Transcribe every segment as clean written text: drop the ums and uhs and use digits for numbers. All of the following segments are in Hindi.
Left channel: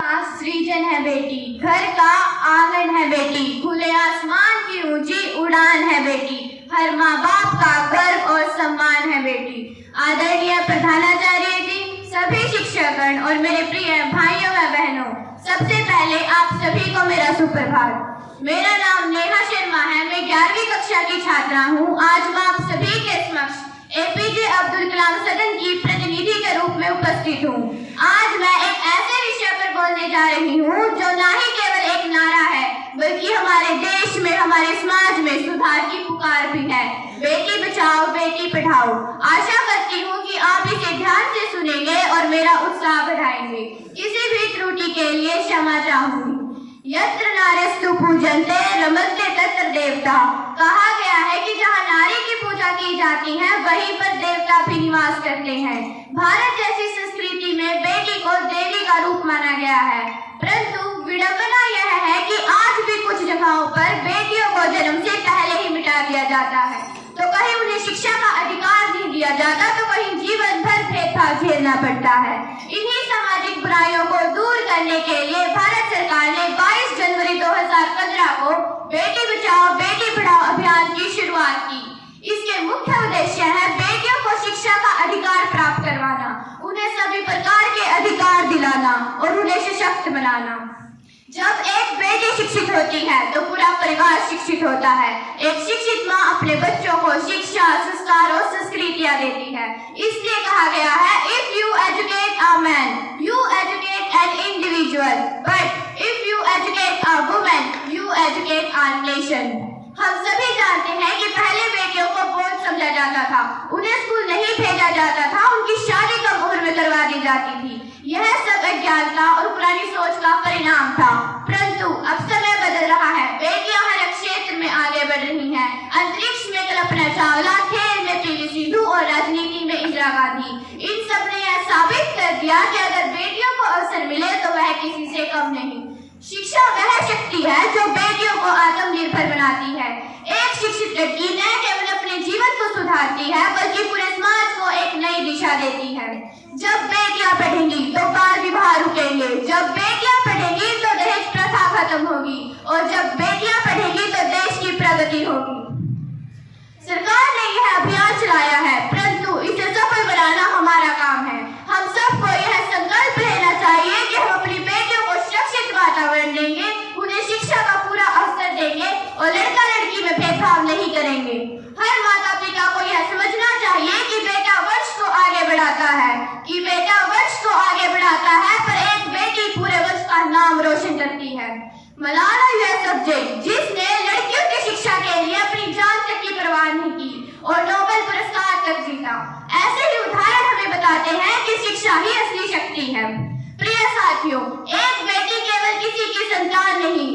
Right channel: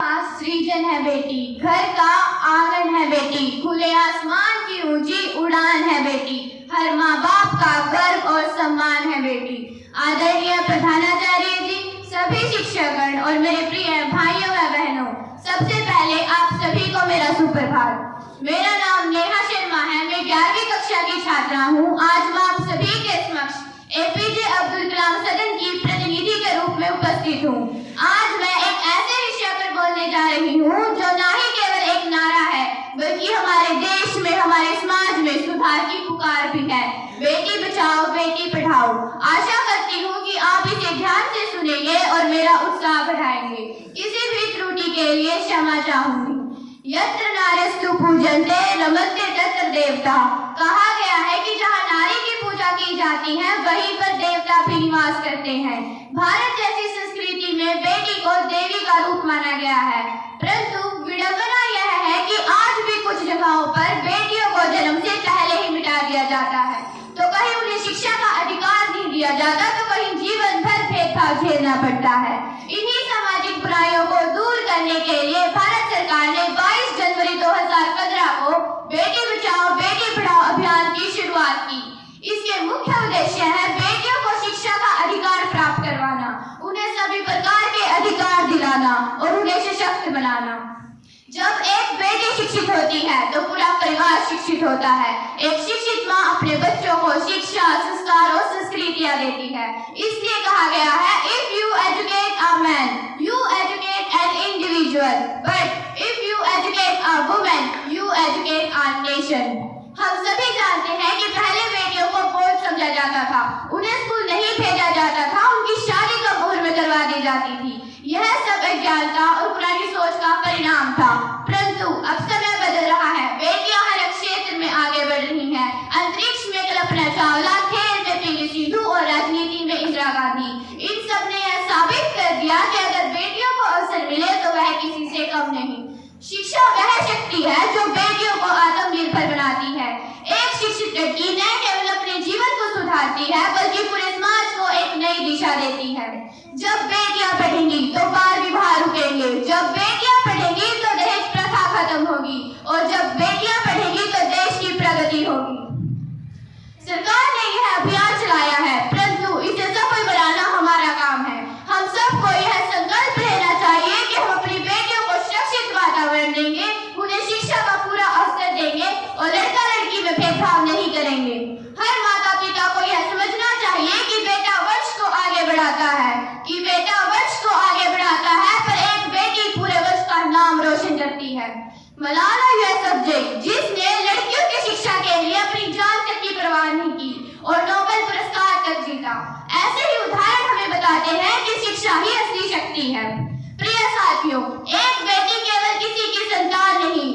सृजन है बेटी, घर का आंगन है बेटी, खुले आसमान की ऊंची उड़ान है बेटी, हर माँ बाप का गर्व और सम्मान है बेटी। आदरणीय प्रधानाचार्य जी, सभी शिक्षकगण और मेरे प्रिय भाइयों व बहनों, सबसे पहले आप सभी को मेरा सुप्रभात। मेरा नाम नेहा शर्मा है, मैं 11वीं कक्षा की छात्रा हूँ। आज मैं आप सभी के समक्ष एपीजे अब्दुल कलाम सदन की प्रतिनिधि के रूप में उपस्थित हूँ। आज मैं एक ऐसे विषय पर बोलने जा रही हूँ जो न ही केवल एक नारा है, बल्कि हमारे देश में, हमारे समाज में सुधार की पुकार भी है। बेटी बचाओ बेटी पढ़ाओ। आशा करती हूँ कि आप इसे ध्यान से सुनेंगे और मेरा उत्साह बढ़ाएंगे। किसी भी त्रुटि के लिए क्षमा चाहूंगी। यत्र नार्यस्तु पूजन्ते रमन्ते तत्र देवता। कहा गया है कि जहाँ नारी की पूजा की जाती है, वहीं पर देवता भी निवास करते हैं। भारत जैसी संस्कृति में बेटी को देवी का रूप माना गया है, परंतु विडंबना यह है कि आज भी कुछ जगहों पर बेटियों को जन्म से पहले ही मिटा दिया जाता है। तो कहीं उन्हें शिक्षा का अधिकार नहीं दिया जाता, तो कहीं जीवन भर भेदभाव झेलना पड़ता है। इन्हीं सामाजिक बुराइयों को दूर करने के लिए भारत सरकार ने 22 जनवरी 2015 को बेटी बचाओ बेटी पढ़ाओ अभियान की शुरुआत की। इसके मुख्य उद्देश्य है बेटियों को शिक्षा का अधिकार प्राप्त करवाना, उन्हें सभी प्रकार के अधिकार दिलाना और उन्हें सशक्त बनाना। जब एक बेटी शिक्षित होती है तो पूरा परिवार शिक्षित होता है। एक शिक्षित माँ अपने बच्चों को शिक्षा, संस्कार और संस्कृतियाँ देती है। इसलिए कहा गया है, if you educate a man, you educate an individual, but if you educate a woman, you educate a nation। हम सभी जानते हैं कि पहले बेटियों को बोझ समझा जाता था, उन्हें स्कूल नहीं भेजा जाता था, उनकी शादी कम उम्र में करवा दी जाती थी। यह सब अज्ञानता और पुरानी सोच का परिणाम था, परंतु अब समय बदल रहा है। बेटियां हर क्षेत्र में आगे बढ़ रही हैं। अंतरिक्ष में कल्पना चावला, खेल में पीवी सिंधु और राजनीति में इंदिरा गांधी। इन सब ने यह साबित कर दिया कि अगर बेटियों को अवसर मिले तो वह किसी से कम नहीं। शिक्षा वह शक्ति है जो बेटियों को आत्मनिर्भर बनाती है। एक शिक्षित लड़की न केवल अपने जीवन को सुधारती है, बल्कि पूरे समाज को एक नई दिशा देती है। जब बेटियां पढ़ेंगी तो बाल विवाह रुकेंगे, जब बेटियां पढ़ेंगी तो दहेज प्रथा खत्म होगी, और जब बेटियां पढ़ेंगी तो देश की प्रगति होगी। सरकार ने यह अभियान चलाया है, परंतु इसे सफल बनाना हमारा काम है। हम सबको यह संकल्प लेना चाहिए कि हम अपनी बेटियों को सुरक्षित वातावरण देंगे, उन्हें शिक्षा का पूरा अवसर देंगे और लड़का लड़की में भेदभाव नहीं करेंगे। हर माता पिता को यह समझना चाहिए कि बेटा वंश को आगे बढ़ाता है, पर एक बेटी पूरे वंश का नाम रोशन करती है। मलाला यूसुफजई, जिसने लड़कियों की शिक्षा के लिए अपनी जान तक की परवाह नहीं की और नोबेल पुरस्कार तक जीता। ऐसे ही उदाहरण हमें बताते हैं कि शिक्षा ही असली शक्ति है। प्रिय साथियों, एक बेटी केवल किसी की संतान नहीं,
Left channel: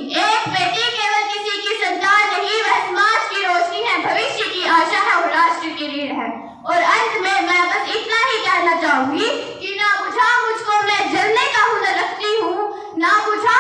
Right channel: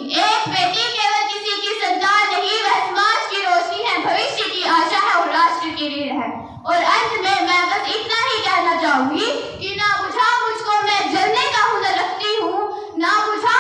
वह समाज की रोशनी है, भविष्य की आशा है और राष्ट्र की रीढ़ है। और अंत में मैं बस इतना ही कहना चाहूंगी कि ना बुझा मुझको मैं जलने का हुनर रखती हूँ, ना बुझा